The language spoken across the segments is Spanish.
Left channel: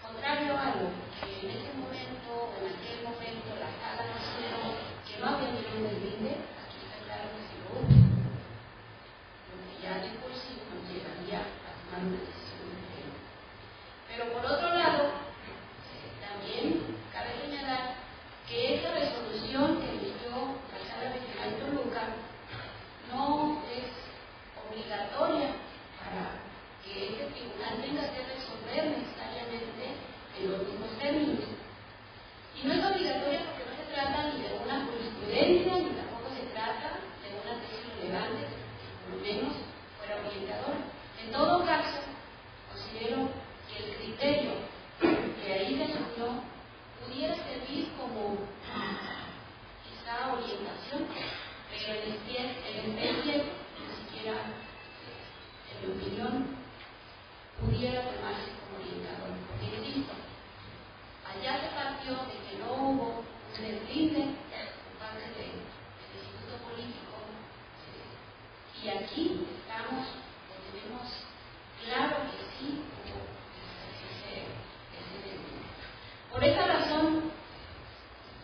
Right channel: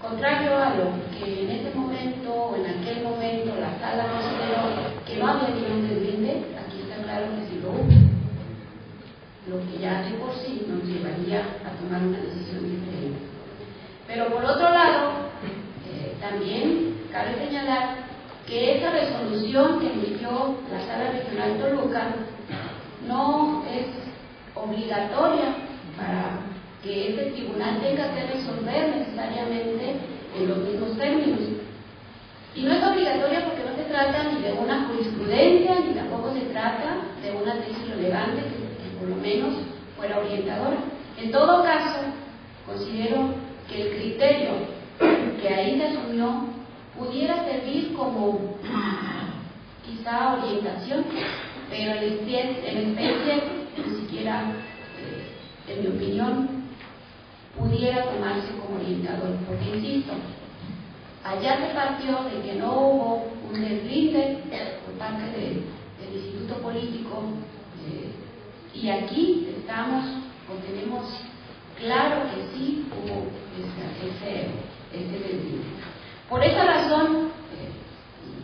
Contrario a lo que en ese momento o en aquel momento la sala consideró que no había nivel de deslinde, aquí está claro que sí lo hubo, lo que ya de por sí nos llevaría a tomar una decisión diferente. Pero por otro lado, también cabe señalar que esa resolución que emitió la Sala Regional Toluca no es obligatoria para que este tribunal tenga que resolver necesariamente en los mismos términos. Y no es obligatoria porque no se trata ni de una jurisprudencia, ni tampoco se trata de una tesis relevante que por lo menos fuera orientadora. En todo caso, considero que el criterio que ahí se asumió pudiera servir como quizá orientación, pero en especie ni siquiera, en mi opinión, pudiera tomarse como orientador, porque insisto, allá se partió de que no hubo un deslinde por parte del Instituto Político, y aquí estamos o tenemos claro que sí hubo ese deslinde. Por esa razón,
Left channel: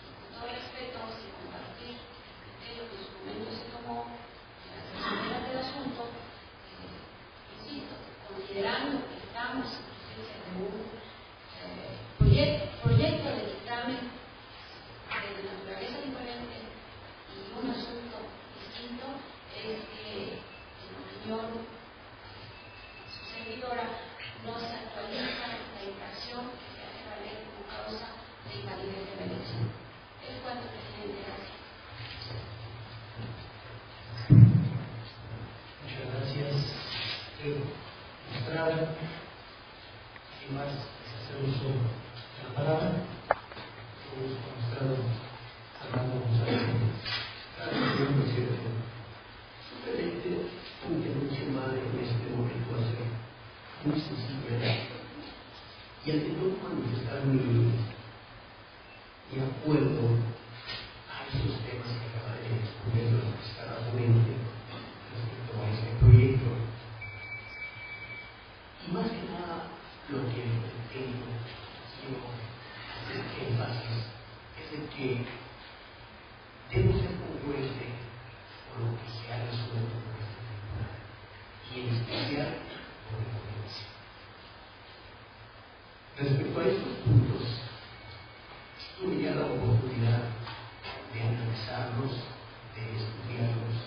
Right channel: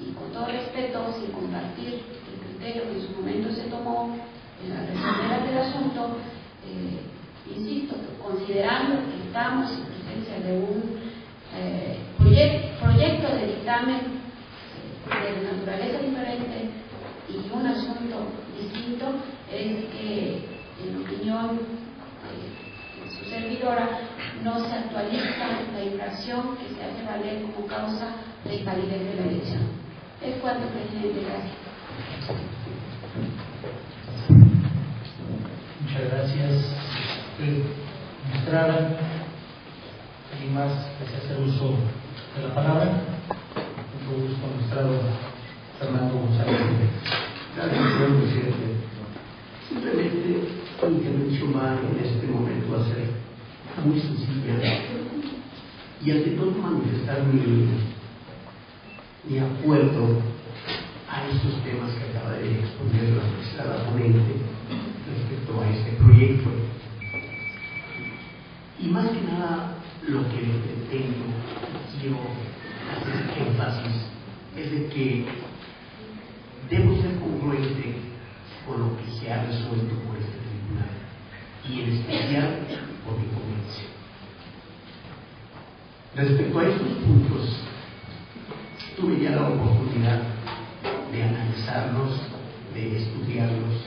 y con todo respeto, sin compartir el criterio que en su momento se tomó en las resoluciones del asunto, insisto, considerando que estamos en presencia de un proyecto de dictamen de naturaleza diferente y un asunto distinto, es que, en opinión de su servidora, no se actualiza la infracción que se hace valer como causa de invalidez de la elección. Es cuanto, presidente. Gracias. Muchas gracias. Magistrada, ¿alguien más desea hacer uso de la palabra? Con todo gusto, magistrado Fernando González. Gracias, señor presidente. Simplemente mi intervención va en este momento a ser muy sencilla y ante todo manifestar mi acuerdo a estos temas que acaba de exponer la magistrada ponente respecto a este proyecto. Y más que nada, lo que pretendo y quiero hacer énfasis es de que debo ser congruente con lo que se ha resuelto por este tribunal y en especial por mi convicción. Respecto a estos puntos, tuve ya la oportunidad de analizarlos, de estudiarlos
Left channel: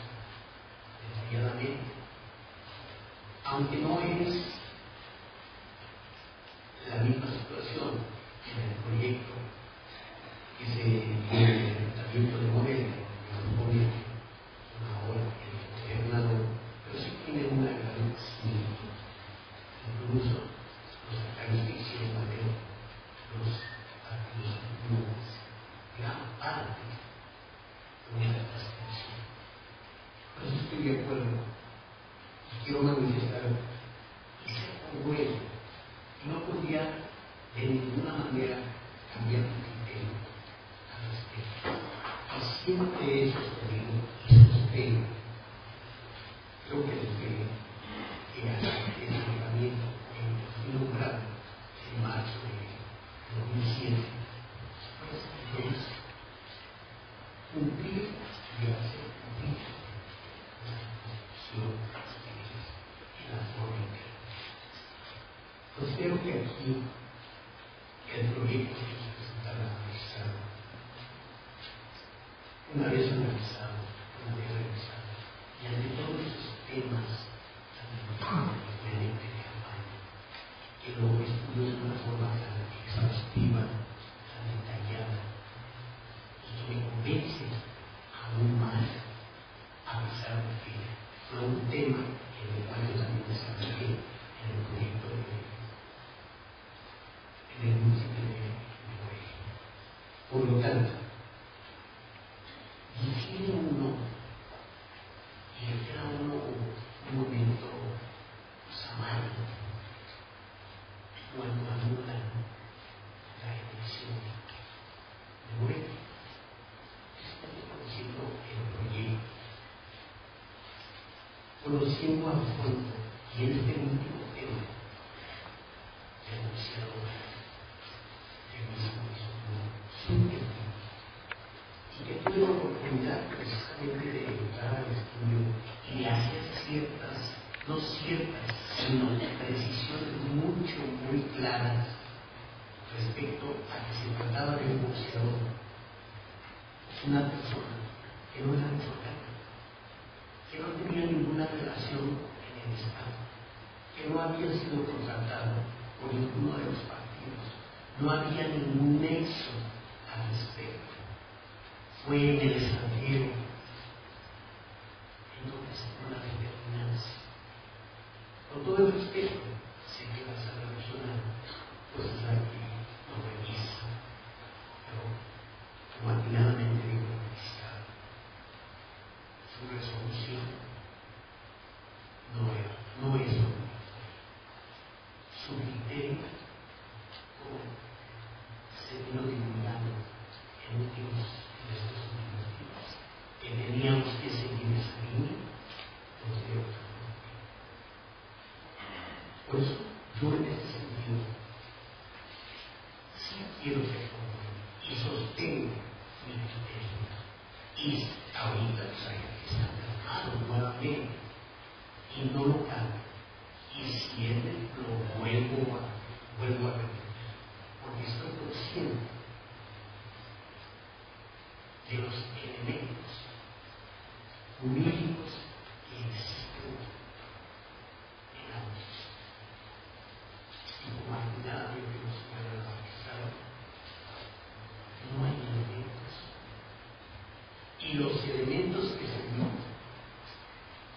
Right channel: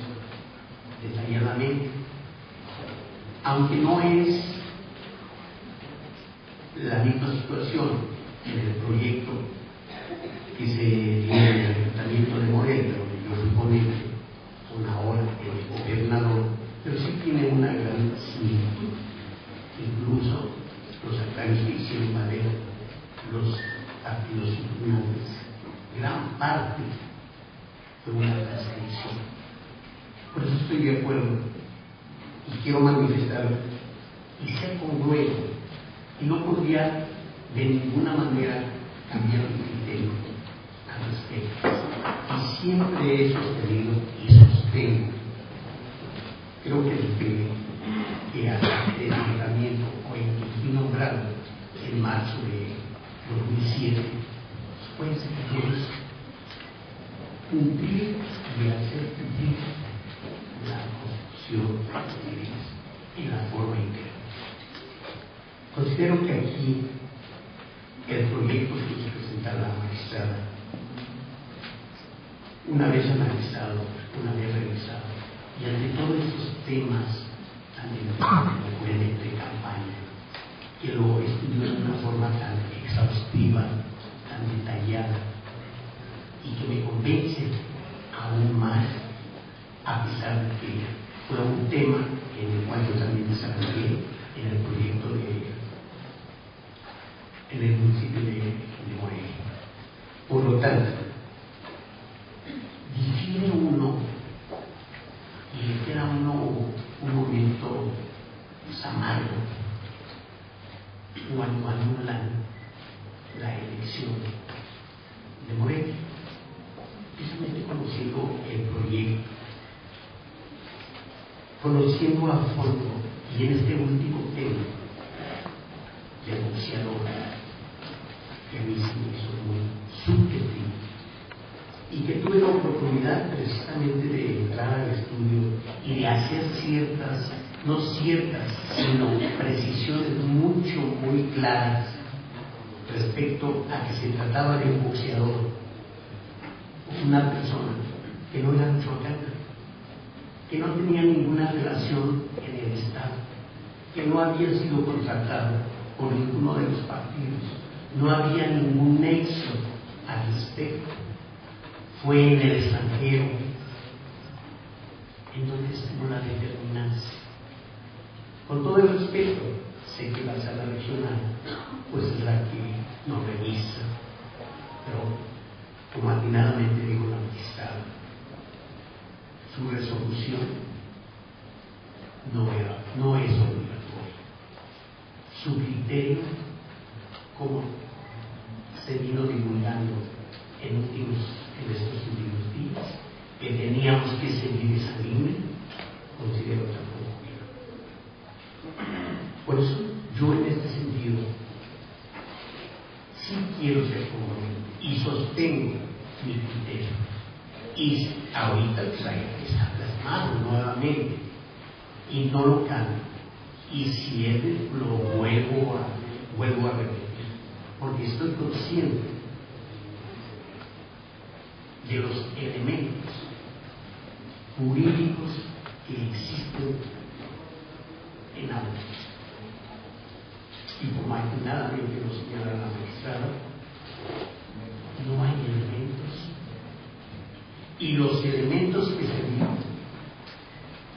detalladamente, aunque no es la misma situación en el proyecto que se tiene en el Ayuntamiento de Morelia, donde yo fui ponente, una hora el gobernador, pero sí tiene una gran similitud. Incluso los agravios que hicieron valer los partidos influyentes, gran parte fue una transcripción. Por eso estoy de acuerdo y quiero manifestar y ser congruente, y no podría de ninguna manera cambiar mi criterio al respecto. Y siempre he sostenido y sostengo, creo que desde que hasta el nombramiento o en que fui nombrado en marzo de 2007, fue enseñarnos cumplir y hacer cumplir la Constitución y la forma en que considero que aquí el proyecto que nos presenta la magistrada, una vez analizado, una vez revisado, y ante todos estos temas tan delicados de campaña, que lo estudió de una forma tan exhaustiva, tan detallada, y que me convence aún más, a pesar de que fue un tema en el cual yo también desarrollé en el proyecto en el municipio de Morelia. Por lo tanto, difiere uno y le queda a uno un momento amargo cuando anulan la elección de Morelia. Precisamente conociendo el proyecto, conociendo a fondo, y en este último tema de boxeador, que a mí se me hizo muy subjetivo, y que tuve la oportunidad precisamente de entrar al estudio y de hacer no ciertas, sino precisiones muy claras respecto a que se trataba de un boxeador, una persona que no era michoacana, que no tenía ninguna relación en el Estado, que no había sido contratado por ninguno de los partidos, no había ningún nexo al respecto, fue en el extranjero, en donde estuvo la determinancia. Con todo el respeto, sé que la sala regional pues es la que nos revisa, pero como atinadamente dijo la magistrada, su resolución no es obligatoria. Su criterio, como se vino divulgando en estos últimos días, que teníamos que seguir esa línea, considero tampoco. Por eso yo en este sentido sí quiero ser congruente y sostengo mi criterio, y ahorita pues está plasmado nuevamente y no lo cambio, y si es lo vuelvo a repetir, porque estoy consciente de los elementos jurídicos que existen en ambos. Y como atinadamente lo señala la magistrada, no hay elementos. Y los elementos que se dieron,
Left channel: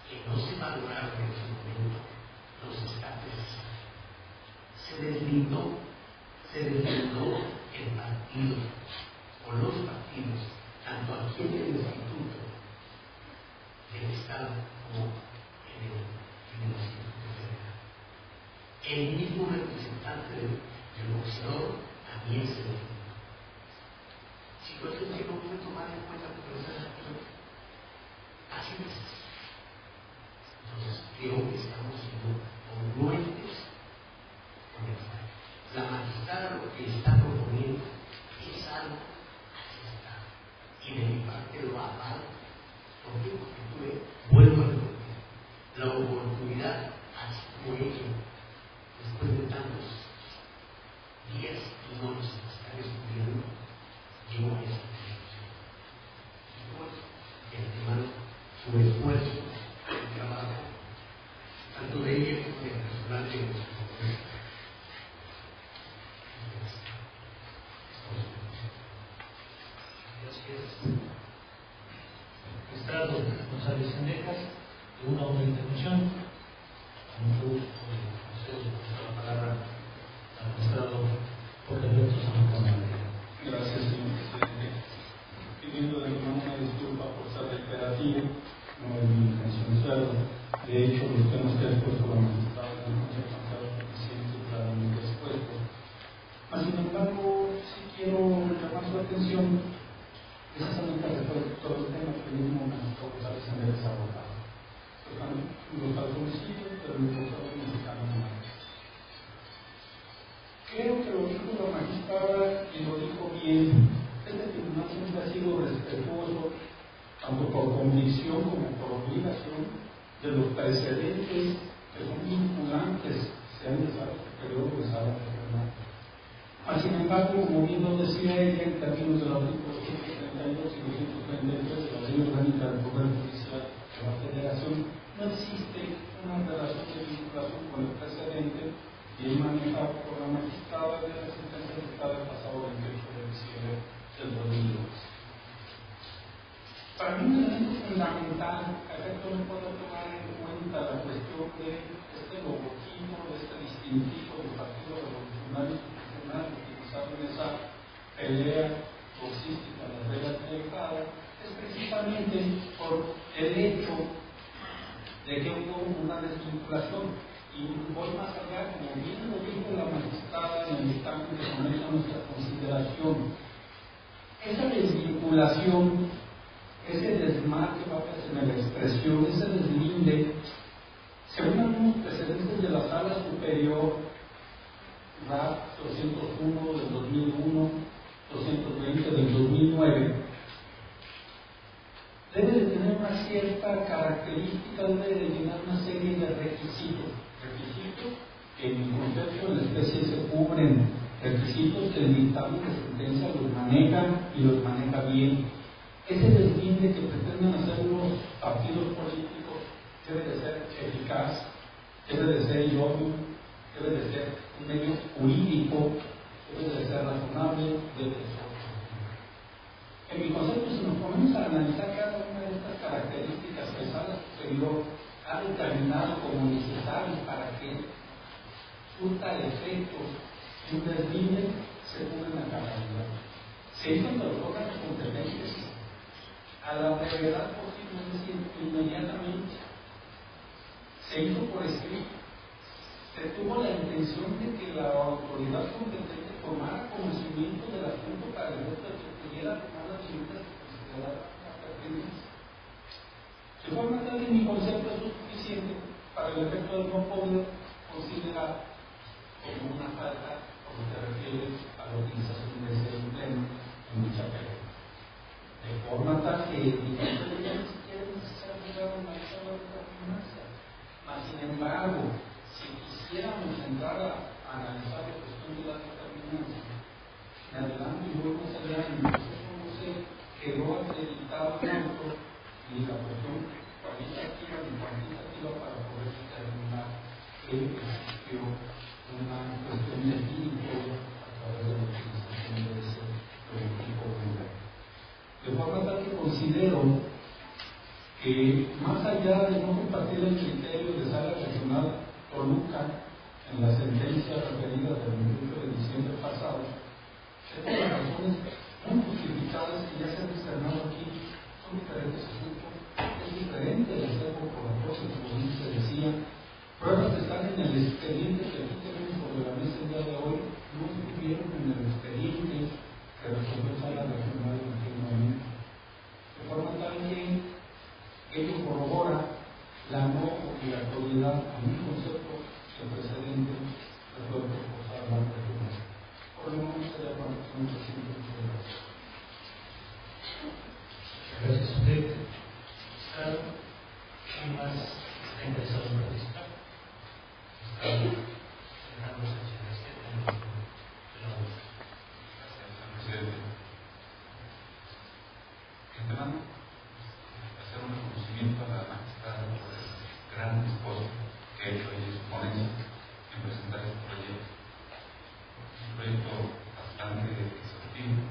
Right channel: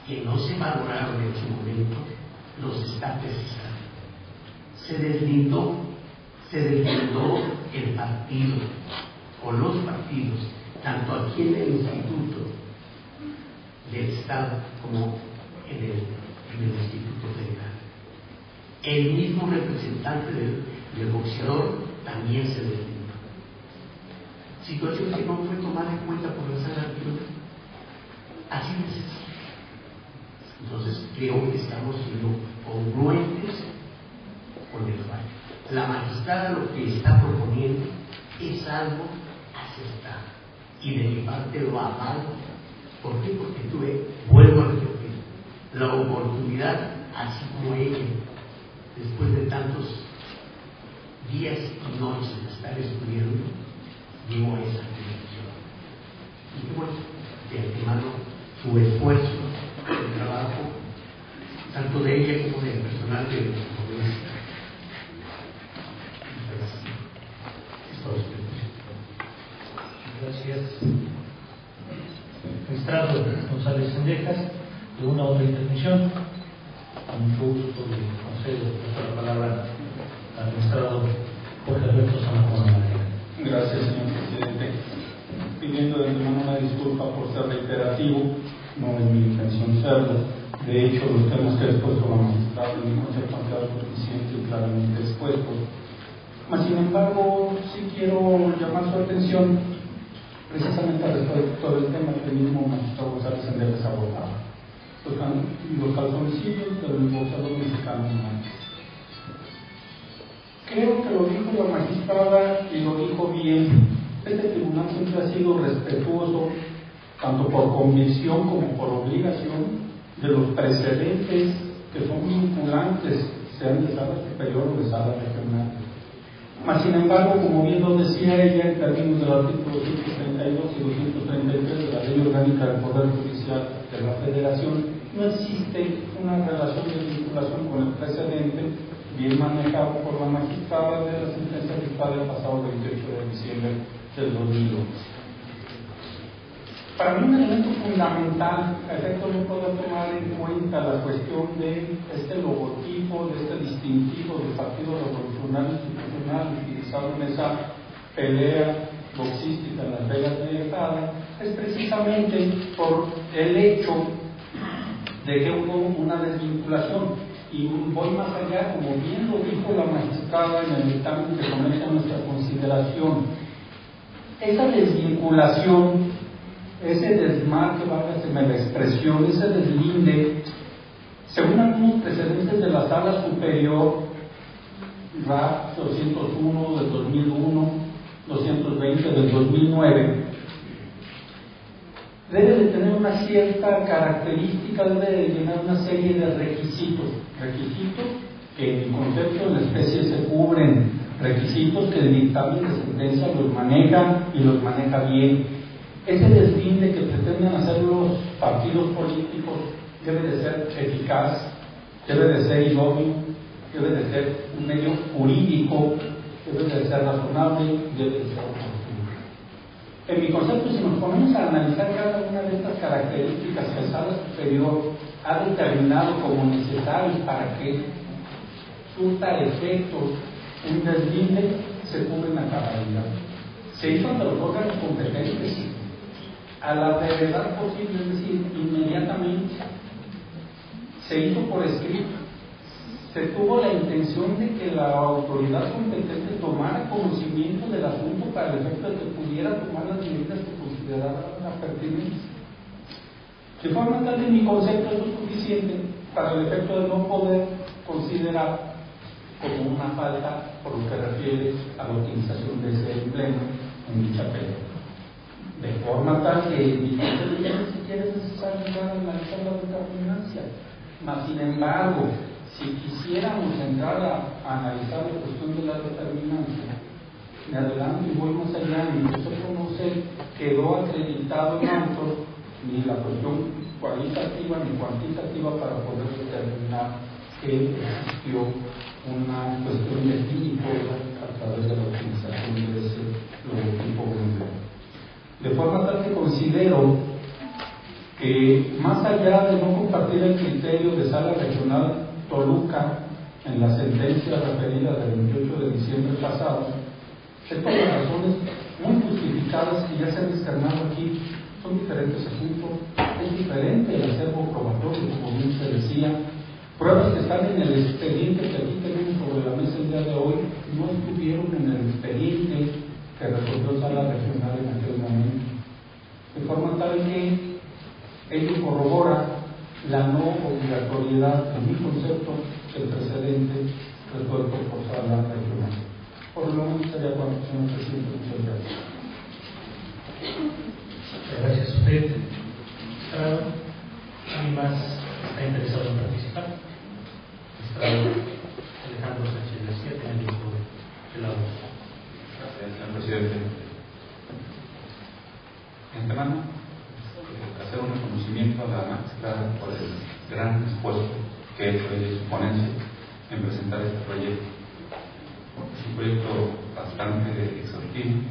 que no se valoraron en su momento, los está precisando. Se deslindó el partido o los partidos, tanto aquí en el Instituto del Estado como en el Instituto Federal. El mismo representante del boxeador también se deslindó. Situación que no fue tomada en cuenta por la sala regional. Así de sencillo. Entonces creo que estamos siendo congruentes con el fallo. La magistrada lo que está proponiendo es algo acertado, y de mi parte lo avalo. ¿Por qué? Porque vuelvo a repetir, la oportunidad, así como ella, después de tantos días y noches de estar estudiando, llegó a esa conclusión. Y qué bueno, de antemano, su esfuerzo, su trabajo, tanto de ella como del personal de la universidad. Gracias. Magistrado González Sendejas, de una otra intervención. Con mucho gusto le concedo la palabra al magistrado Jorge Alberto San Juan. Gracias, señor presidente. Pidiendo de antemano una disculpa por ser reiterativo, no es mi intención serlo. De hecho, los temas que ha expuesto la magistrada no se han quedado suficiente y claramente expuestos. Mas, sin embargo, sí quiero llamar su atención precisamente respecto del tema que el mismo magistrado González Sendejas abordaba, los calzoncillos del boxeador mexicano. Creo que lo dijo la magistrada y lo dijo bien. Este tribunal siempre ha sido respetuoso, tanto por convicción como por obligación, de los precedentes que son vinculantes, sean de sala superior o de sala regional. Mas, sin embargo, como bien lo decía ella, en términos del artículo 232 y 233 de la Ley Orgánica del Poder Judicial de la Federación, no existe una relación de vinculación con el precedente bien manejado por la magistrada de la sentencia dictada el pasado 28 de diciembre del 2011. Para mí, un elemento fundamental, a efecto de poder tomar en cuenta la cuestión de este logotipo, de este distintivo del Partido Revolucionario Institucional utilizado en esa pelea boxística en Las Vegas de Nevada, es precisamente por el hecho de que hubo una desvinculación. Y voy más allá, como bien lo dijo la magistrada en el dictamen que somete a nuestra consideración. Esa desvinculación, ese desmarque, válgaseme la expresión, ese deslinde, según algunos precedentes de la sala superior, RAP 201 del 2001, 220 del 2009, debe de tener una cierta característica, debe de llenar una serie de requisitos que en mi concepto en la especie se cubren, requisitos que el dictamen de sentencia los maneja y los maneja bien. Ese deslinde que pretendan hacer los partidos políticos debe de ser eficaz, debe de ser idóneo, debe de ser un medio jurídico, debe de ser razonable, debe de ser oportuno. En mi concepto, si nos ponemos a analizar cada una de estas características que el Sala Superior ha determinado como necesarias para que surta efectos un deslinde, se cubren a cabalidad. Se hizo ante los órganos competentes a la brevedad posible, es decir, inmediatamente. Se hizo por escrito. Se tuvo la intención de que la autoridad competente tomara conocimiento del asunto para el efecto de que pudiera tomar las medidas que consideraran la pertinencia. De forma tal que mi concepto es suficiente para el efecto de no poder considerar como una falta por lo que refiere a la utilización de ese emblema en dicha pelea. De forma tal que ni siquiera es necesario analizar la determinancia. Mas, sin embargo, si quisiéramos entrar a analizar la cuestión de la determinancia, me adelanto y voy más allá, y nosotros no se quedó acreditado en autor ni la cuestión cualitativa ni cuantitativa para poder determinar que existió una cuestión definitiva a través de la utilización de ese logotipo emblema. De forma tal que considero que, más allá de no compartir el criterio de Sala Regional Toluca en la sentencia referida del 28 de diciembre pasado, es por las razones muy justificadas que ya se han externado aquí. Son diferentes asuntos, es diferente el acervo probatorio, como bien se decía. Pruebas que están en el expediente que aquí tenemos sobre la mesa el día de hoy no estuvieron en el expediente que resolvió Sala Regional en aquel momento. De forma tal que ello corrobora la no obligatoriedad, en mi concepto, del precedente resuelto por Sala Regional. Por lo menos sería cuando se nos presente. Muchas gracias. Gracias a usted, magistrado. ¿Alguien más está interesado en participar? Magistrado Alejandro Sánchez García, tiene el uso de la voz. Gracias, señor presidente. De antemano, hacer un reconocimiento a la magistrada por el gran esfuerzo que ha hecho ella y su ponencia en presentar este proyecto. Es un proyecto bastante exhaustivo,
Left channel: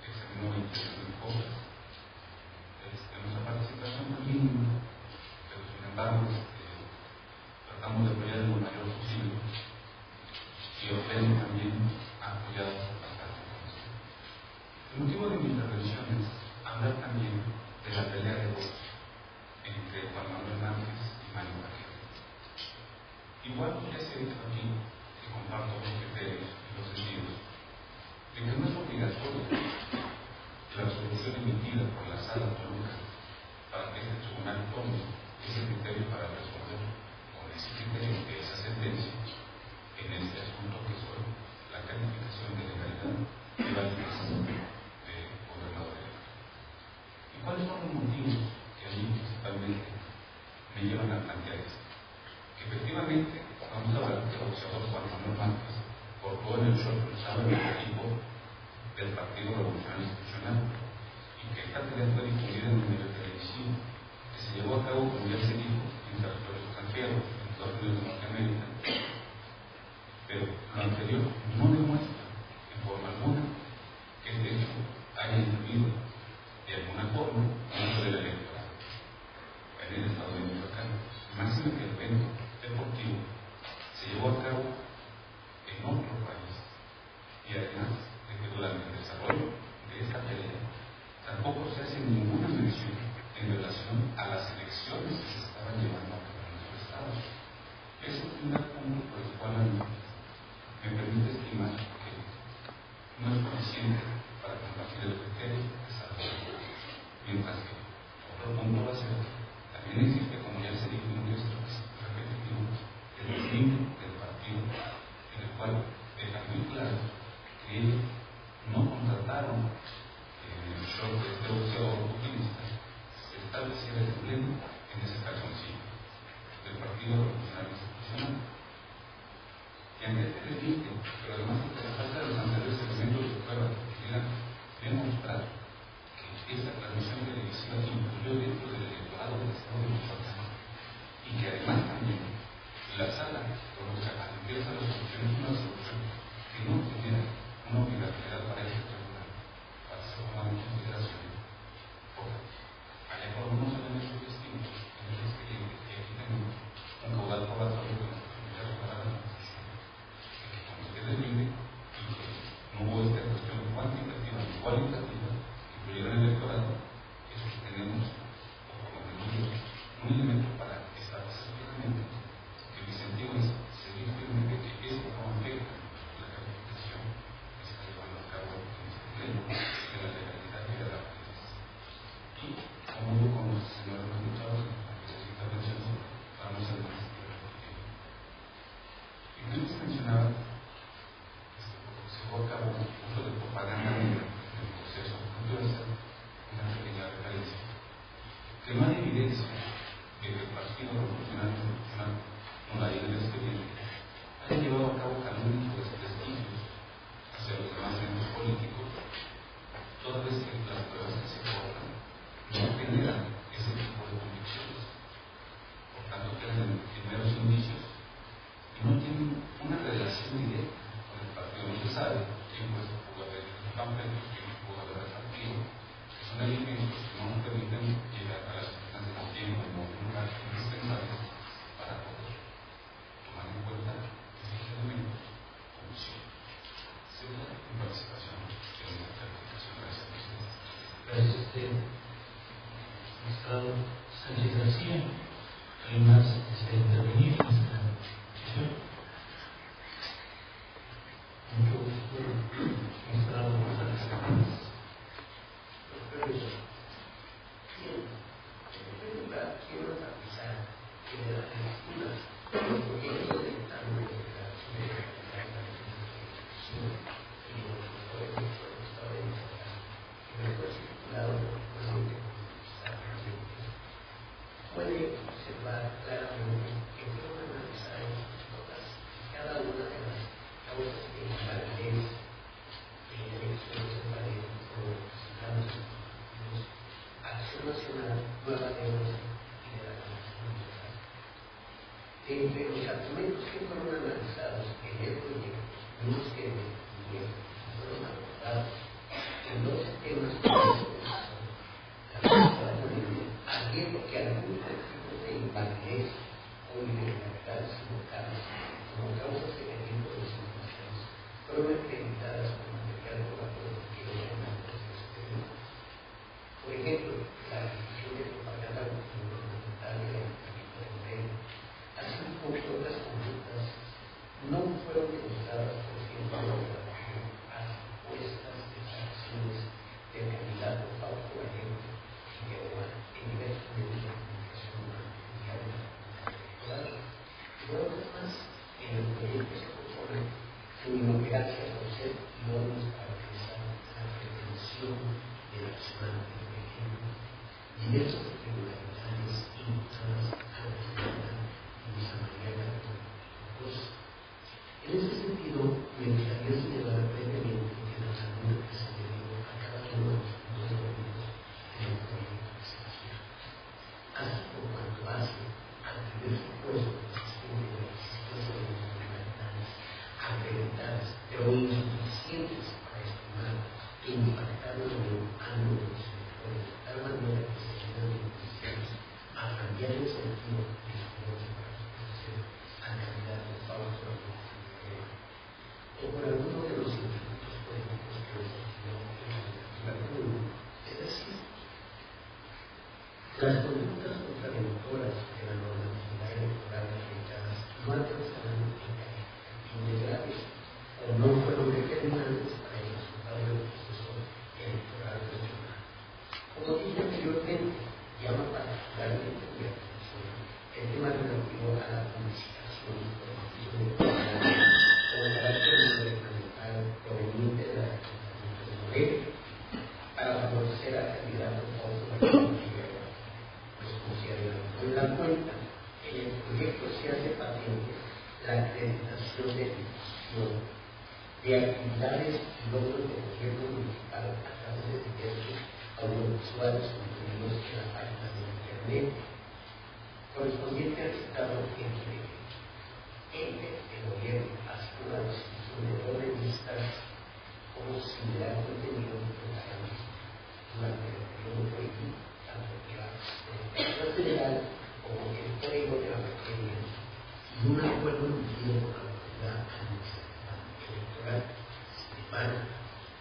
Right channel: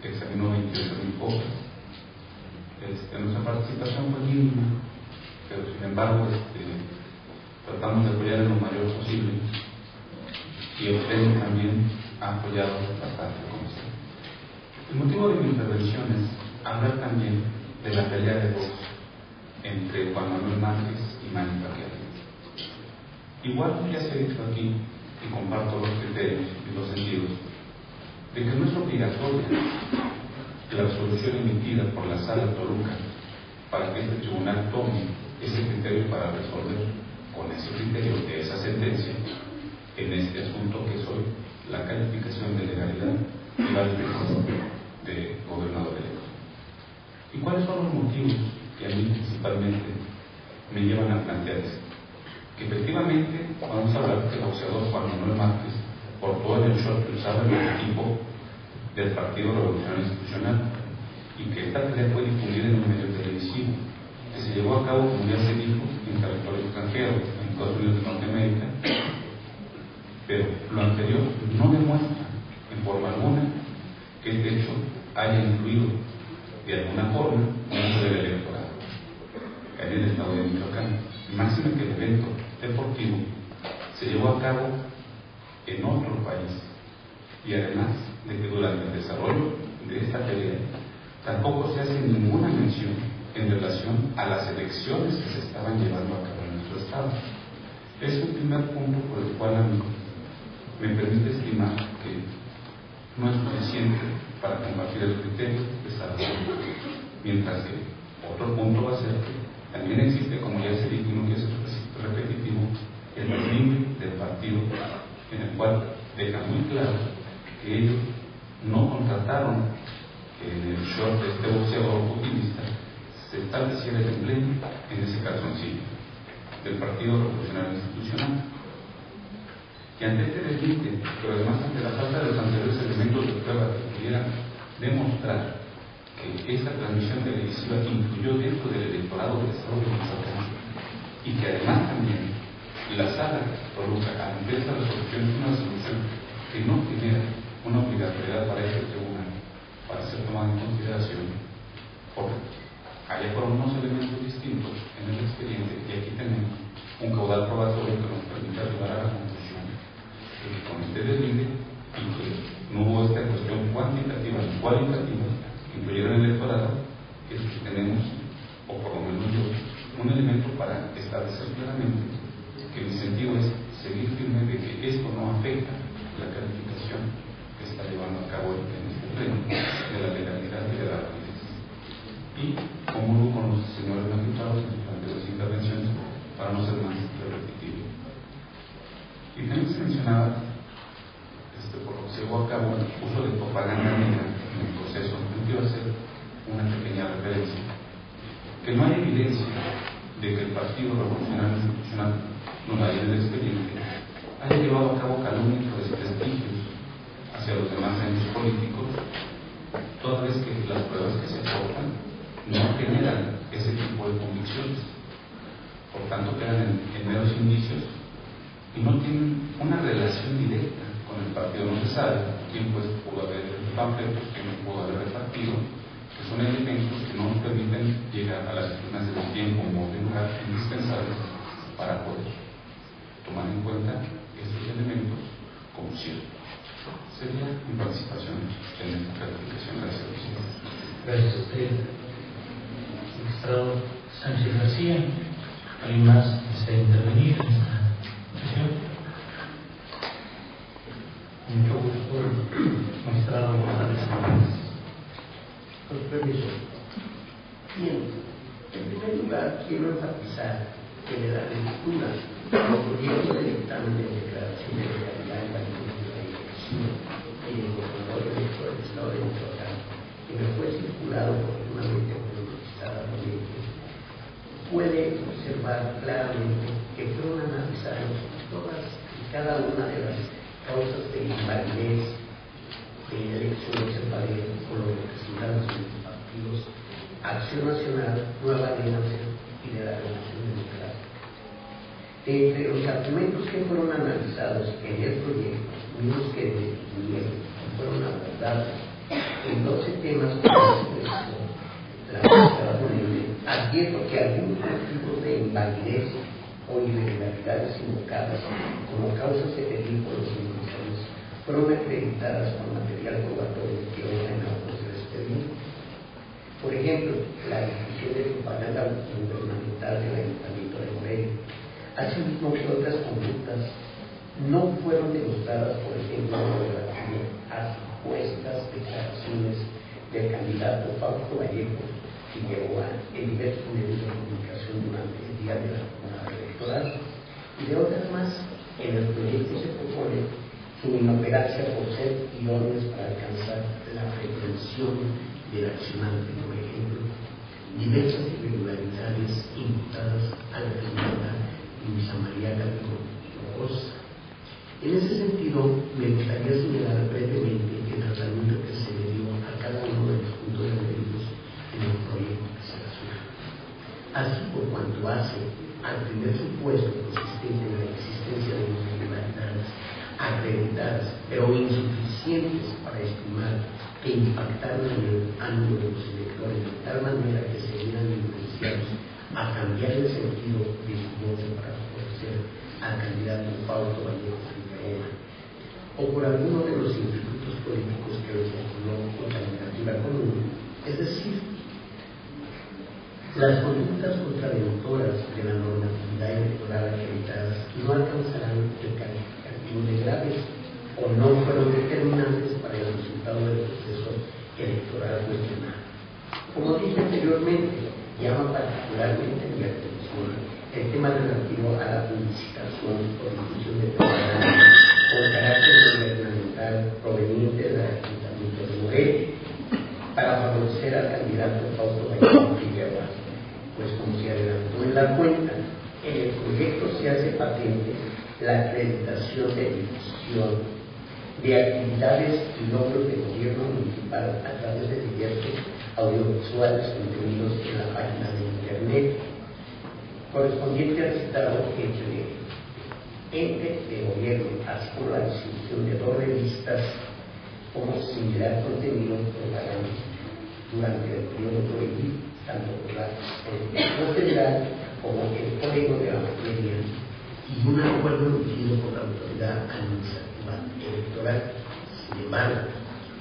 que examinó 28,000 cosas. Nuestra participación fue mínima, pero sin embargo tratamos de apoyar en lo mayor posible, y el pleno también ha apoyado bastante con esto. El motivo de mi intervención es hablar también de la pelea de voz entre Juan Manuel Márquez y Manny Pacquiao. Igual que ya se ha dicho aquí, y comparto los criterios y los sentidos, de que no es obligatoria la resolución emitida por la Sala Toluca para que este tribunal tome ese criterio para resolver con ese criterio de esa sentencia en este asunto que es hoy la calificación de legalidad y validez de gobernador electo. ¿Y cuáles son los motivos que a mí principalmente me llevan a plantear esto? Que efectivamente vamos a hablar que el boxeador Juan Manuel Márquez portó en el short que usaba el equipo del Partido Revolucionario Institucional, y que esta pelea fue difundida en un medio televisivo que se llevó a cabo, como ya se dijo, en territorio extranjero, en Estados Unidos de Norteamérica, pero lo anterior no demuestra en forma alguna que este hecho haya influido de alguna forma en el poder electoral en el estado de Michoacán. Máximo que el evento deportivo se llevó a cabo en otro país, y además de que durante el desarrollo de esta pelea tampoco se hace ninguna mención en relación a las elecciones que se estaban llevando a cabo en nuestro estado. Es un primer punto por el cual a mí me permite estimar que no es suficiente para combatir el criterio de salvación, mientras que otro punto va a ser que también existe, como ya se dijo y no quiero ser repetitivo, el dominio del partido en el cual short de este boxeador utilista, se estableciera el emblema, en ese calzoncillo, del Partido Revolucionario Institucional. Y ante este desdite, pero además ante la falta de los anteriores elementos de prueba que pudieran demostrar que esa transmisión televisiva influyó dentro del electorado del Estado de Michoacán, y que además también la Sala Toluca, ante esta resolución, es una resolución que no genera una obligatoriedad para este tribunal para ser tomada en consideración, porque allá fueron unos elementos distintos en el expediente, y aquí tenemos un caudal probatorio que nos permite arribar a la conclusión de que con este deslize y que no hubo esta cuestión cuantitativa ni cualitativa que influyera en el electorado, es que tenemos, o por lo menos yo, un elemento para establecer claramente que mi sentido es seguir firme de que esto no afecta la calificación que está llevando a cabo en este pleno de la legalidad y de la validez. Y comulgo con los señores magistrados en sus anteriores intervenciones para no ser más repetitivo. Y también se mencionaba, por lo que se llevó a cabo, el uso de propaganda negra en el proceso. Yo quiero hacer una pequeña referencia. Que no hay evidencia de que el Partido Revolucionario Institucional, no la hay en el expediente, haya llevado a cabo calumnias o desprestigios hacia los demás entes políticos, toda vez que las pruebas que se aportan no generan ese tipo de convicciones. Por tanto, quedan en meros indicios y no tienen una relación directa con el partido. No se sabe quién pues pudo haber panfletos, quién pudo haber repartido, que son elementos que no nos permiten llegar a las disciplinas del tiempo como de lugar indispensables para poder tomar en cuenta estos elementos como ciertos. Sería mi participación en esta calificación. Gracias, presidente. Gracias a usted, magistrado Sánchez García. ¿Alguien más desea intervenir en esta sesión? Mucho gusto, magistrado González Sánchez. Con permiso. Bien, en primer lugar quiero enfatizar que de la lectura del proyecto de dictamen de declaración de legalidad en validez de la elección y del gobernador electo del Estado de Michoacán, que me fue circulado oportunamente por el magistrado Ramírez, puede observar claramente que fueron analizados todas y cada una de las causas de invalidez de elecciones en pared por los representantes de los partidos Acción Nacional, Nueva Alianza y de la Revolución Democrática. Entre los argumentos que fueron analizados en el proyecto, mismos que definieron y fueron abordados en 12 temas que expresó la magistrada ponente, advierto que algunos motivos de invalidez o irregularidades invocadas como causas de peligro por los indígenas fueron acreditadas por material probatorio que ordena los del expediente. Por ejemplo, la difusión de propaganda gubernamental del Ayuntamiento de Morelia, asimismo que otras conductas no fueron demostradas, por ejemplo, relativo a supuestas declaraciones del candidato Fausto Vallejo Figueroa en diversos medios de comunicación durante el día de la jornada electoral, y de otras más. En el proyecto se propone su inoperancia por ser idóneas para alcanzar la pretensión del accionante. Por ejemplo, diversas irregularidades imputadas a la señora Luisa María Gabriel Hinojosa. En ese sentido, me gustaría señalar brevemente el tratamiento que se le dio a cada uno de los puntos referidos en el proyecto que se resuelve. Así, por cuanto hace al primer supuesto consistente en la existencia de irregularidades acreditadas, pero insuficientes para estimar que impactaron en el ánimo de los electores de tal manera que se vieran influenciados a cambiar el sentido de su voto para favorecer al candidato Fausto Vallejo Figueroa, o por alguno de los institutos políticos que le postuló la candidatura común. Es decir, las conductas contradictorias de la normatividad electoral acreditadas no alcanzarán el calificativo de graves o no fueron determinantes para el resultado del proceso electoral cuestionado. Como dije anteriormente, llama particularmente mi atención el tema relativo a la publicitación o difusión de propaganda con carácter gubernamental proveniente del Ayuntamiento de Morelia para favorecer da cuenta, en el proyecto se hace patente la acreditación de difusión de actividades y logros del gobierno municipal a través de diversos audiovisuales contenidos en la página de internet, correspondiente al citado entre ente de gobierno, así como la distribución de 2 revistas como similar contenido propaganda durante el periodo prohibido, tanto por la Constitución Federal como el Código de la Materia, y un acuerdo emitido por la Autoridad Administrativa Electoral. Sin embargo,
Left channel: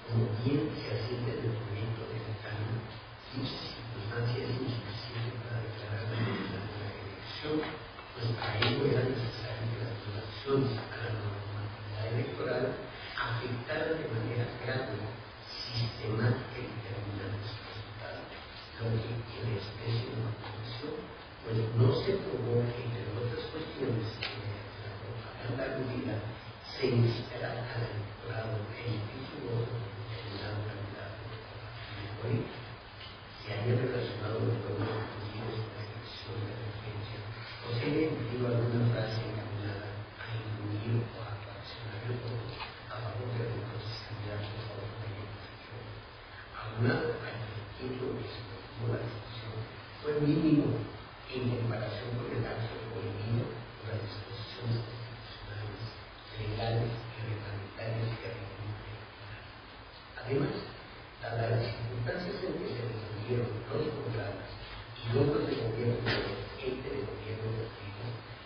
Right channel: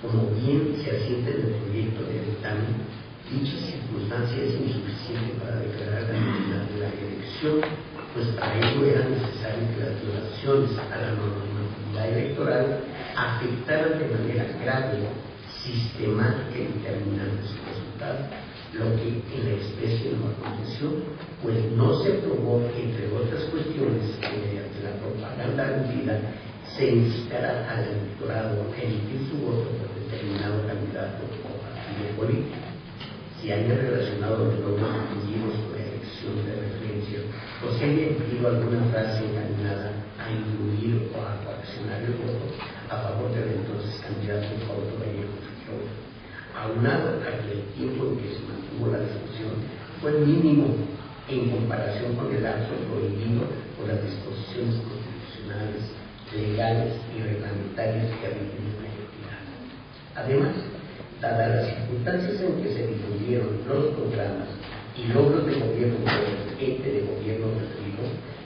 como bien se asienta en el proyecto de dictamen, dicha circunstancia es insuficiente para declarar la nulidad de la elección, pues para ello era necesario que las violaciones a la normatividad electoral afectaran de manera grave, sistemática y determinante su resultado, lo que en la especie no aconteció, pues no se probó, entre otras cuestiones, que mediante la propaganda aludida se instara al electorado a emitir su voto por determinado candidato o partido político. Si haya relacionado los logros obtenidos con la elección de referencia, o se haya incluido alguna frase encaminada a incluir o a coaccionar el voto a favor del entonces candidato Fausto Vallejo Figueroa. Aunado a que el tiempo en que se mantuvo la discusión fue mínimo en comparación con el lapso prohibido por las disposiciones constitucionales, legales y reglamentarias que rigen la elección. Además, dadas las circunstancias en que se difundieron los programas y logros de gobierno del ente de gobierno referido,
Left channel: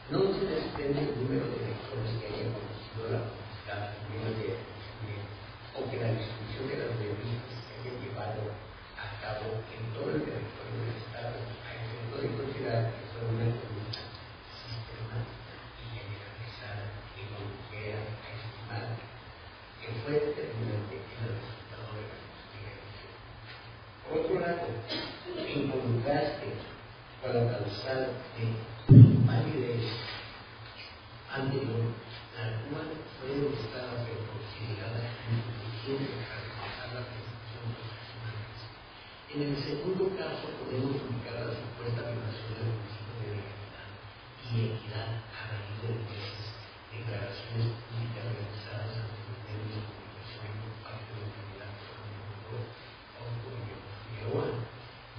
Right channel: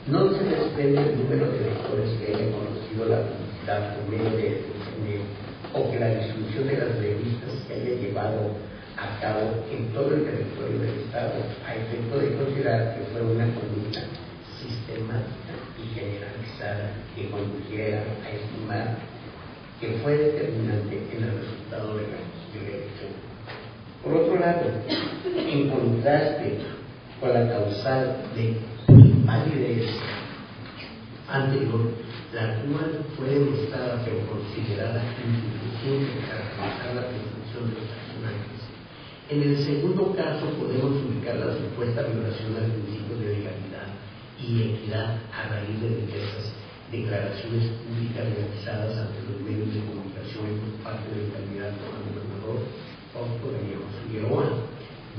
no se desprende el número de electores que hayan conocido la publicidad por medio de Internet, o que la distribución de las revistas se haya llevado a cabo en todo el territorio del Estado, a efecto de considerar que fue una conducta sistemática y generalizada que condujera a estimar que fue determinante en el resultado de la elección. Por otro lado, en contraste con la causal de invalidez anterior, la cual fue demostrada pero considerada insuficiente para alcanzar la presunción de los accionantes, en el segundo caso podemos ubicar la supuesta violación al principio de legalidad y equidad a raíz de diversas declaraciones públicas realizadas ante los medios de comunicación por parte del candidato a gobernador Fausto Vallejo Figueroa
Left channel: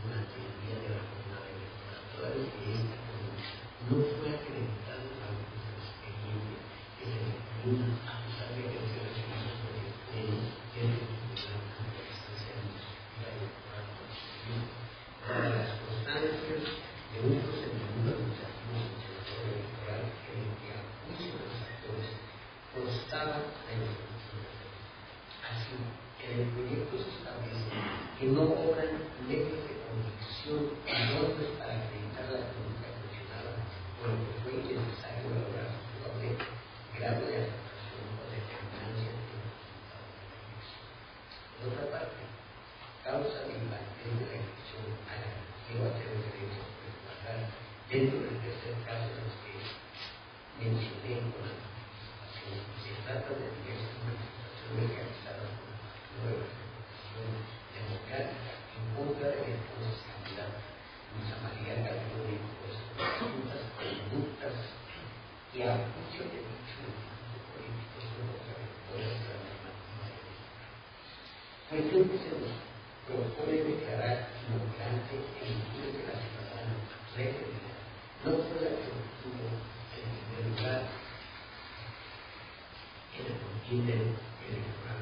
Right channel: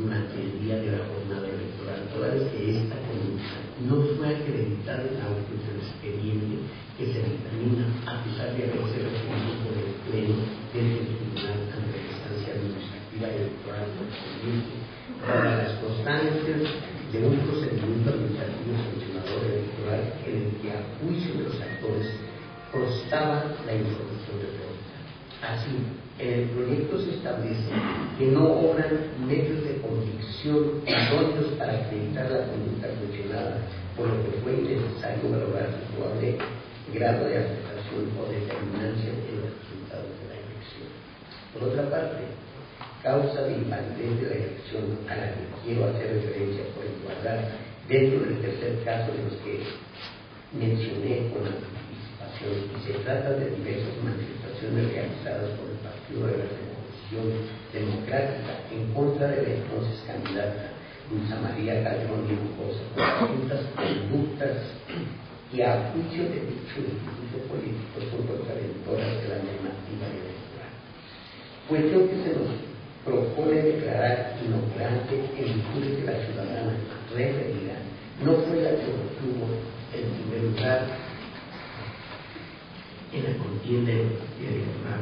durante el día de la jornada electoral, toda vez que esta conducta no fue acreditada en autos del expediente que se dictamina a pesar de haberse recibido por el pleno del tribunal ante la instancia administrativa electoral correspondiente, para las constancias de un procedimiento administrativo sancionador electoral en el que a juicio de los actores constaba la información referida. Así, en el proyecto se establece que no obran medios de convicción idóneos para acreditar la conducta cuestionada, por lo que fue necesario valorar su probable grado de afectación o determinancia en los resultados de la elección. Por otra parte, causa de invalidez de la elección a la que quiero hacer referencia por igualdad dentro del tercer caso de los que mencioné con anticipación, y se trata de diversas manifestaciones realizadas por el Partido de la Revolución Democrática en contra de la entonces candidata Dulce María Calderón de Hinojosa por presuntas conductas que a juicio de dicho instituto político son contraventoras de la normativa electoral. Cuestión que se nos propone declarar inoperante en virtud de que la ciudadana referida no fue la que obtuvo el primer lugar en la contienda electoral,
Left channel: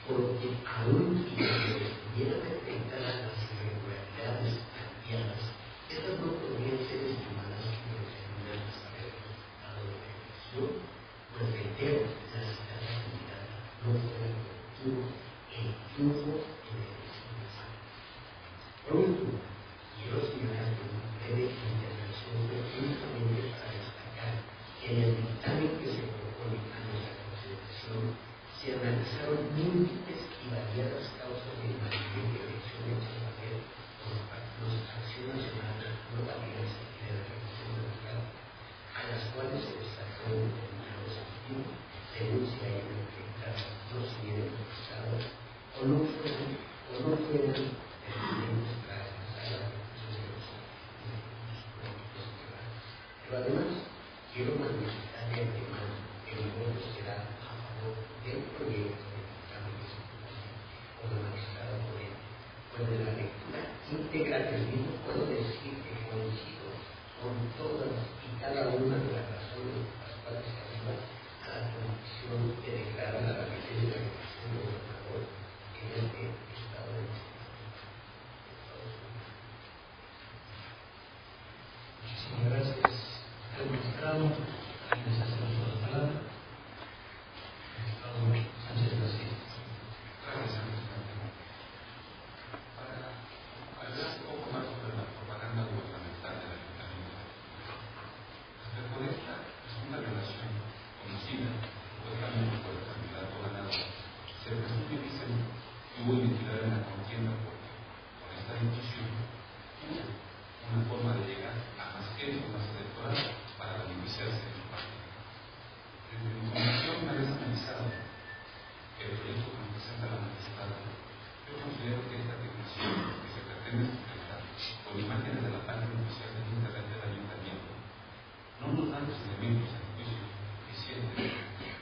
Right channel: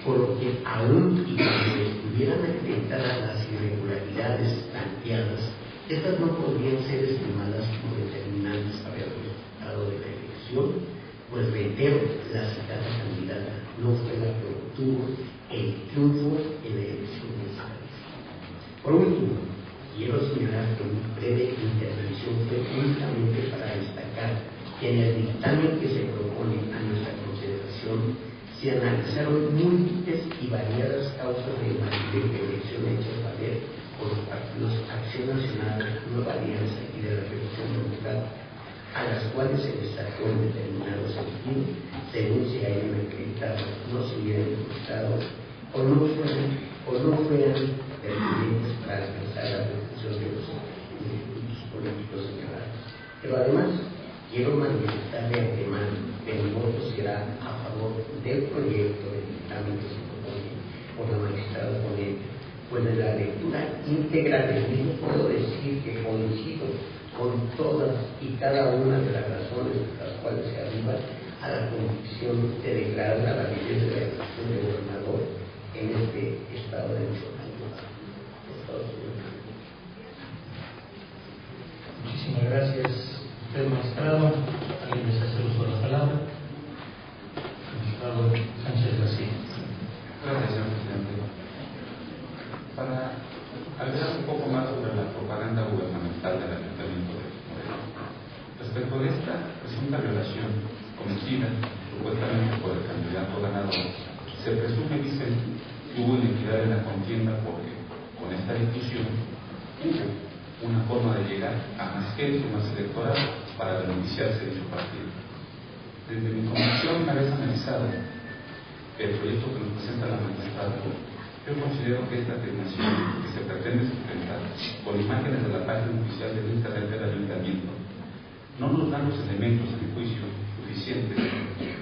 por lo que aún y cuando estuvieran acreditadas las irregularidades planteadas, estas no podrían ser estimadas como determinantes para el resultado de la elección, pues reitero, la citada candidata no fue la que obtuvo el triunfo en la elección nacional. Por último, quiero señalar que mi breve intervención fue únicamente para destacar que en el dictamen que se propone a nuestra consideración se analizaron múltiples y variadas causas de invalidez de elección hechas valer por los partidos Acción Nacional, Nueva Alianza y de la Revolución Democrática, a las cuales se les sacó en determinado sentido, según se hayan acreditado, no se hubieran demostrado o no fueran pertinentes para alcanzar la protección de los institutos políticos en Pero además, quiero manifestar de antemano que mi voto será a favor del proyecto de dictamen que se propone por la magistrada ponente, pues de la lectura íntegra del mismo puedo decir que coincido con todas y cada una de las razones por las cuales se arriba a la convicción de declarar la validez de la elección de gobernador en este estado de Michoacán, Estados Unidos. Muchísimas gracias, usted, magistrado. ¿Alguien desea hacer uso de la palabra? Magistrado Sánchez García. Gracias, señor presidente. Para agregar un poco más sobre la propaganda gubernamental del Ayuntamiento de Morelia. Respecto de esta presunta violación conocida supuestamente por el candidato ganador, se presume, dicen, que hubo inequidad en la contienda porque con esta discusión hubo una forma de llegar a más gente, más electoral para beneficiarse de su partido. Desde mi convicción, una vez analizado el proyecto que nos presenta la magistrada, yo considero que esta afirmación que se pretende sustentar con imágenes de la página oficial del Internet del Ayuntamiento no nos dan los elementos de juicio suficientes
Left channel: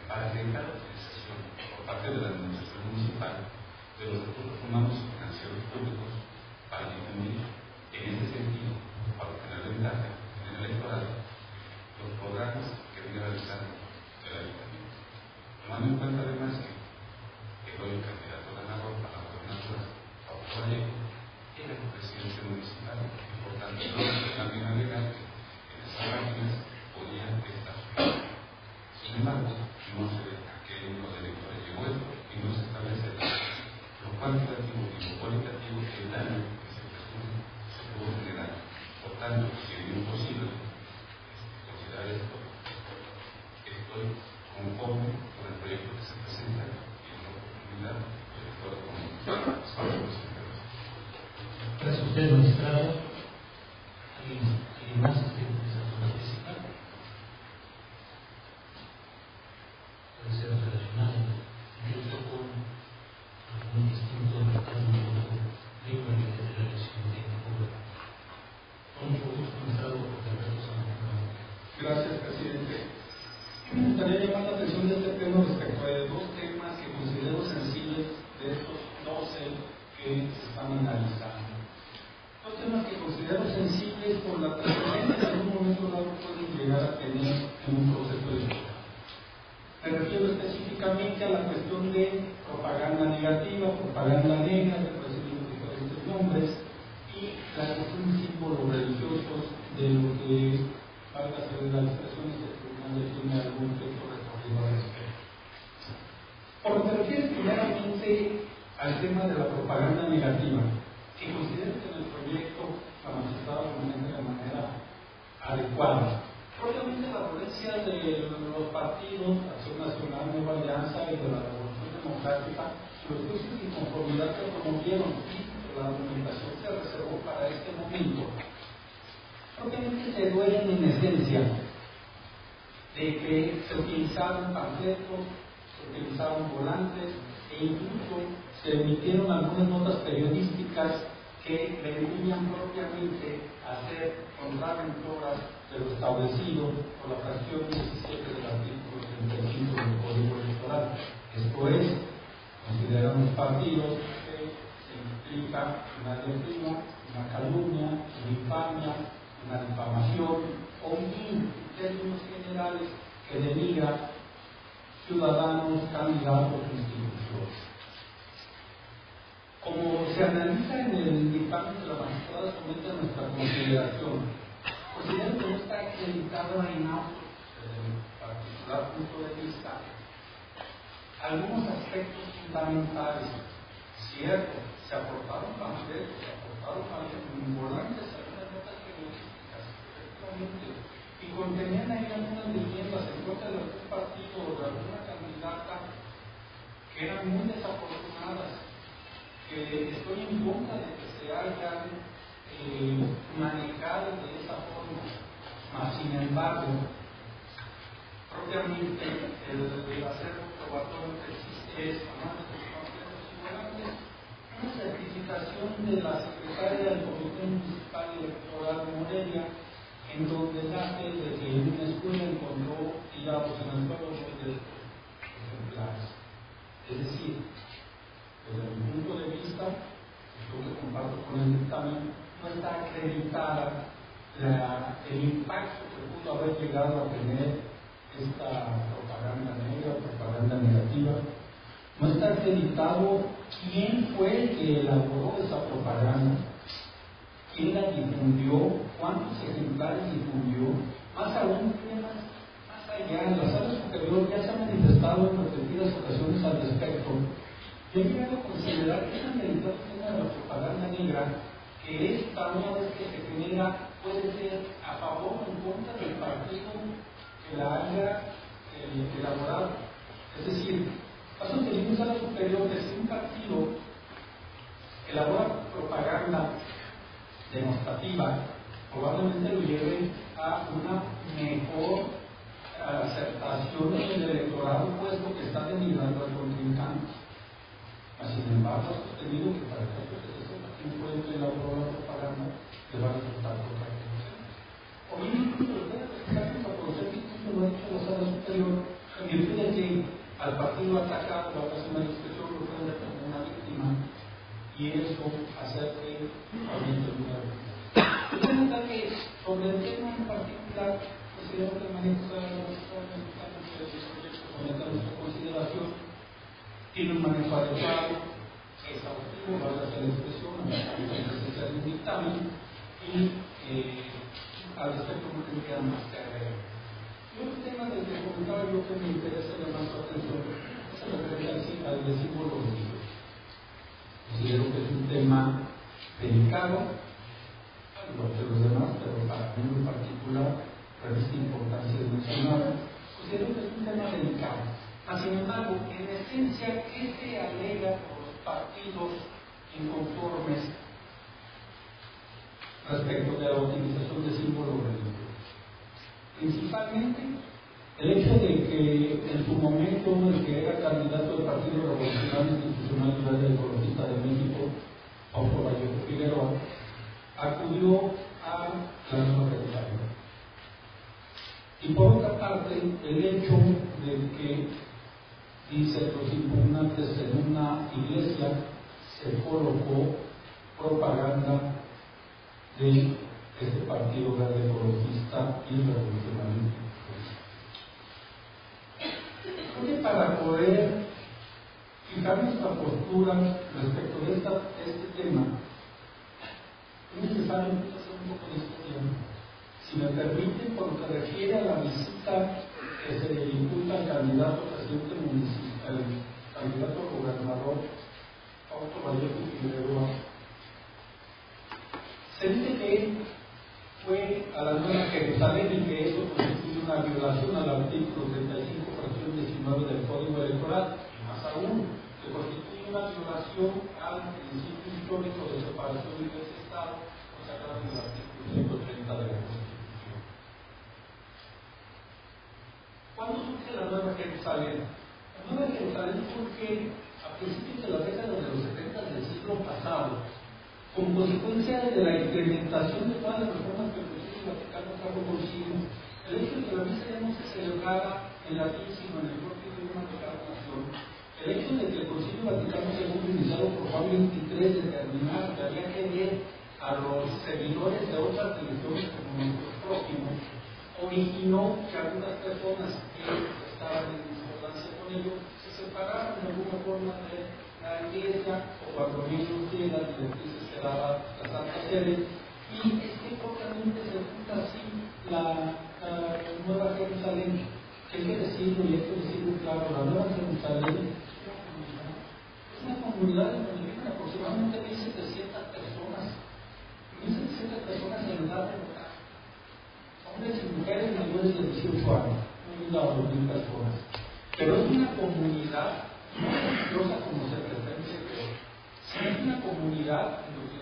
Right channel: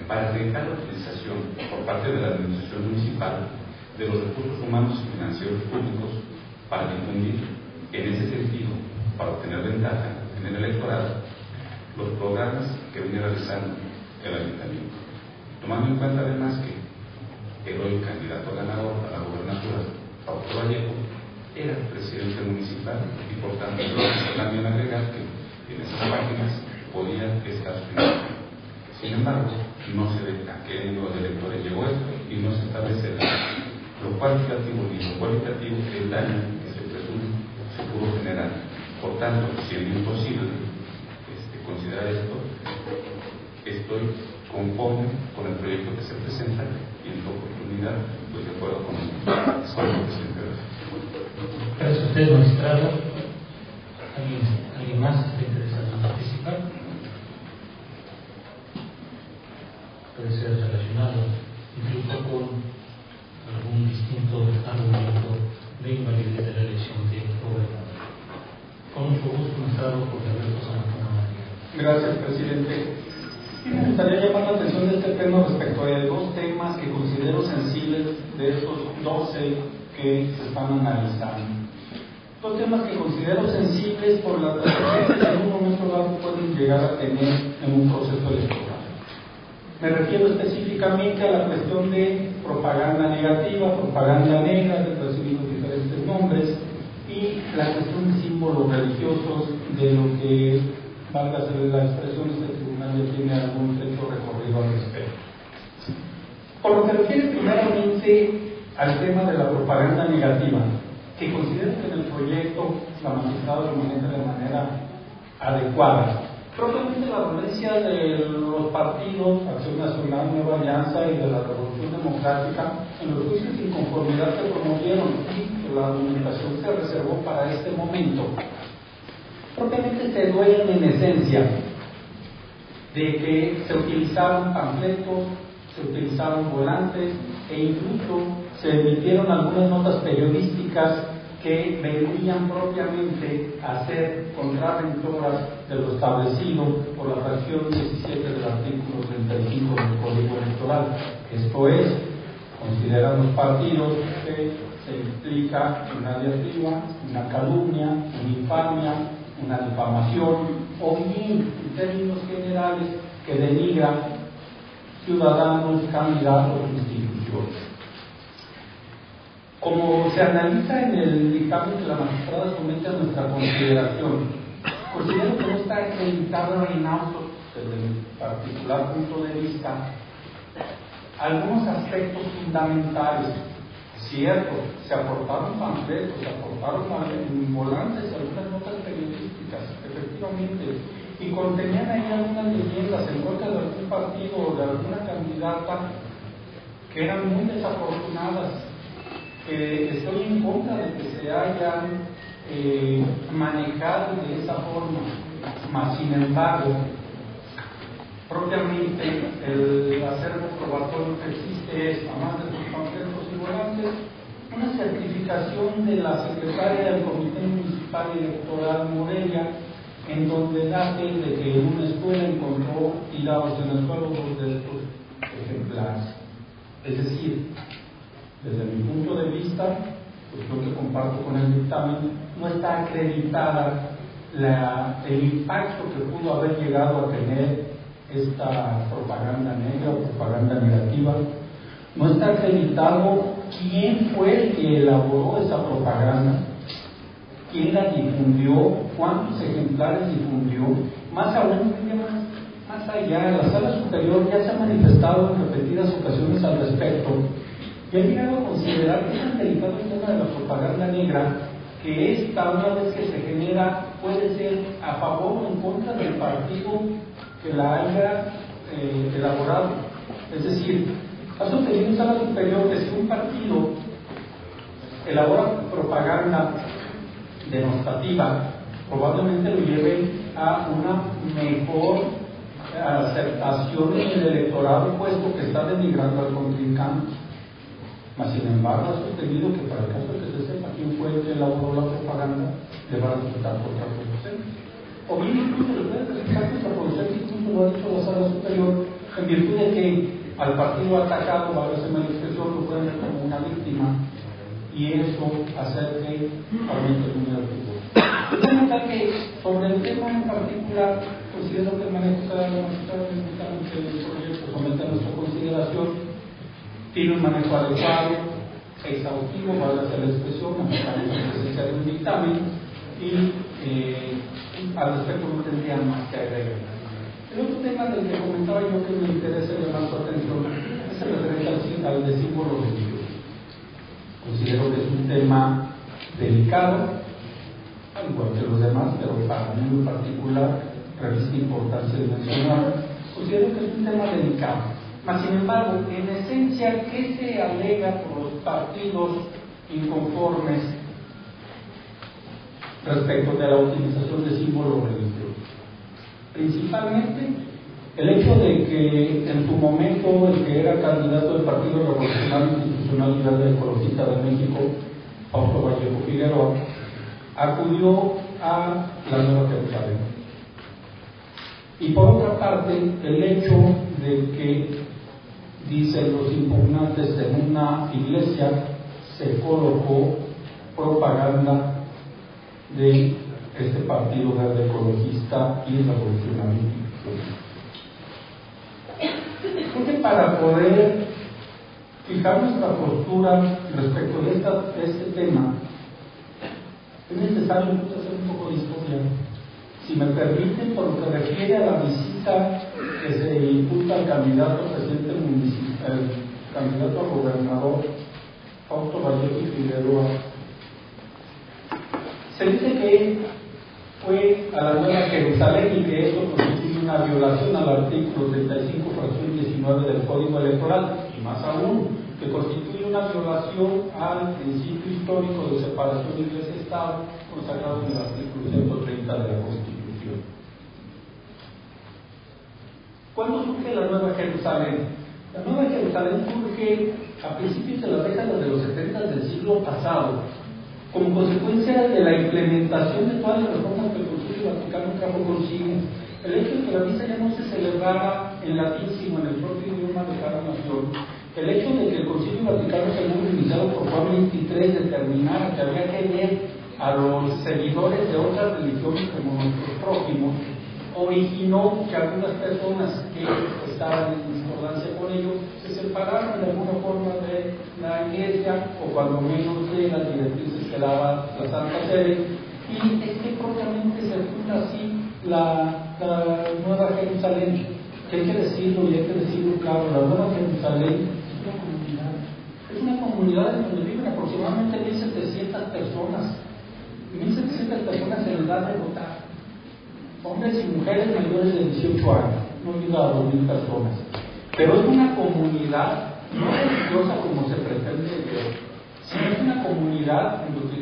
para arriesgar la utilización por parte de la administración municipal de los recursos humanos y financieros públicos para difundir en ese sentido, para obtener ventaja en el electorado, los programas que viene realizando el Ayuntamiento. Tomando en cuenta además que el hoy candidato ganador a la gobernatura, Paulo Vallejo, era presidente municipal y por tanto también agregar que en esas páginas podía estar su imagen. Sin embargo, no se ve a qué número de electores llegó esto y no se establece lo cuantitativo ni lo cualitativo del daño que se presume se pudo generar. Por tanto, siendo imposible considerar esto, estoy conforme con el proyecto que se presenta y en su oportunidad estoy de acuerdo con el presidente. Gracias a usted, magistrado. ¿Alguien más está interesado en participar? Puede ser relacionado incluso con algún distinto argumento de invalidez de la elección de gobernador. Con mucho gusto, magistrado Jorge Alberto Zamacona. Gracias, presidente. Y me gustaría llamar la atención de este pleno respecto de dos temas que considero sensibles de estos 12 que se están analizando. Dos temas que considero sensibles por la trayectoria que en un momento dado pueden llegar a tener en un proceso electoral. Me refiero específicamente a la cuestión de propaganda negativa, propaganda negra, que recibido diferentes nombres, y la cuestión de símbolos religiosos, de lo que, valga la expresión, este tribunal ya tiene algún trecho recorrido al respecto. Por lo que refiere primeramente al tema de la propaganda negativa, que considero que en el proyecto la magistrada lo maneja de manera adecuada. Propiamente la violencia de los partidos, Acción Nacional, Nueva Alianza y de la Revolución Democrática, en los juicios de inconformidad que promovieron y la argumentación se reservó para este momento, propiamente se duelen en esencia de que se utilizaron panfletos, se utilizaron volantes e incluso se emitieron algunas notas periodísticas que vendrían propiamente a ser contraventoras de lo establecido por la fracción 17 del artículo 35 del Código Electoral. Esto es, consideran los partidos que se implica una diatriba, una calumnia, una infamia, una difamación o bien, en términos generales, que denigra ciudadanos, candidatos o instituciones. Como se analiza en el dictamen que la magistrada somete a nuestra consideración, considero que no está acreditado en autos, desde mi particular punto de vista, algunos aspectos fundamentales. Cierto, se aportaron panfletos, se aportaron volantes, algunas notas periodísticas, efectivamente, y contenían ahí algunas leyendas en contra de algún partido o de alguna candidata que eran muy desafortunadas. Estoy en contra de que se hayan manejado de esa forma, mas sin embargo, propiamente el acervo probatorio que existe es, además de sus panfletos y volantes, una certificación de la secretaria del Comité Municipal Electoral Morelia, en donde da fe de que en una escuela encontró tirados en el suelo 2 de estos ejemplares. Es decir, desde mi punto de vista, pues lo que comparto con el dictamen, no está acreditada el impacto que pudo haber llegado a tener esta propaganda negra o propaganda negativa. No está acreditado quién fue el que elaboró esa propaganda, quién la difundió, cuántos ejemplares difundió. Más aún, más allá, la Sala Superior ya se ha manifestado en repetidas ocasiones al respecto y ha llegado a considerar que es tan delicado el tema de la propaganda negra que esta, una vez que se genera, puede ser a favor o en contra del partido que la haya elaborado. Es decir, ha sostenido en Sala Superior que si un partido elabora propaganda denostativa, probablemente lo lleve a una mejor aceptación en el electorado, puesto que está denigrando al contrincante. Mas, sin embargo, ha sostenido que para el caso que se sepa quién fue el que elaboró la propaganda, le va a resultar contraproducente. O bien incluso le puede resultar contraproducente, incluso lo ha dicho la Sala Superior, en virtud de que al partido atacado, a veces la expresión, lo pueden ver como una víctima, y eso hacer que aumente el número de votos. De manera que, sobre el tema en particular, considero que el manejo de la magistrada que el proyecto somete a nuestra consideración tiene un manejo adecuado, exhaustivo, vale hacer la expresión, estamos en presencia de un dictamen y al respecto no tendría más que agregar. El otro tema del que comentaba yo que me interesa llamar su atención es el referente al de símbolo religioso. Considero que es un tema delicado, al igual que los demás, pero para mí en particular reviste importancia de mencionarlo. Considero que es un tema delicado. Mas, sin embargo, en esencia, ¿qué se alega por los partidos inconformes respecto de la utilización de símbolos religiosos? Principalmente, el hecho de que en su momento el que era candidato del Partido Revolucionario Institucional y Verde Ecologista de México, Fausto Vallejo Figueroa, acudió a la Nueva Jerusalén. Y por otra parte, el hecho de que, dicen los impugnantes, en una iglesia se colocó propaganda de este Partido Verde Ecologista y Revolucionario. Creo que para poder fijar nuestra postura respecto de este tema, es necesario hacer un poco de historia. Si me permiten, por lo que refiere a la visita que se imputa al candidato a presidente municipal, el candidato a gobernador Fausto Vallejo Figueroa, se dice que fue a la Nueva Jerusalén y que eso constituye una violación al artículo 35, fracción 19 del Código Electoral, y más aún, que constituye una violación al principio histórico de separación de Iglesia y Estado consagrado en el artículo 130 de la Constitución. ¿Cuándo surge la Nueva Jerusalén? La Nueva Jerusalén surge a principios de la década de los 70 del siglo pasado, como consecuencia de la implementación de todas las reformas que el Concilio Vaticano trajo consigo. El hecho de que la misa ya no se celebrara en latín, sino en el propio idioma de cada nación. El hecho de que el Concilio Vaticano II, iniciado por Juan XXIII, determinara que había que ver a los seguidores de otras religiones como nuestros prójimos, originó que algunas personas que estaban en discordancia con ello se separaran de alguna forma de la Iglesia, o cuando menos de las directrices que daba la Santa Sede, y es que propiamente se funda así la Nueva Jerusalén, que hay que decirlo y hay que decirlo claro. La Nueva Jerusalén es una comunidad en donde viven aproximadamente 1.700 personas, 1.700 personas en edad de votar, hombres y mujeres mayores de 18 años, no llega a 2.000 personas, pero es una comunidad no religiosa como se pretende ver, sino es una comunidad en donde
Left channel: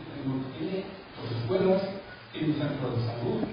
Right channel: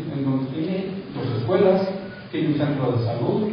tiene dos escuelas, tiene un centro de salud,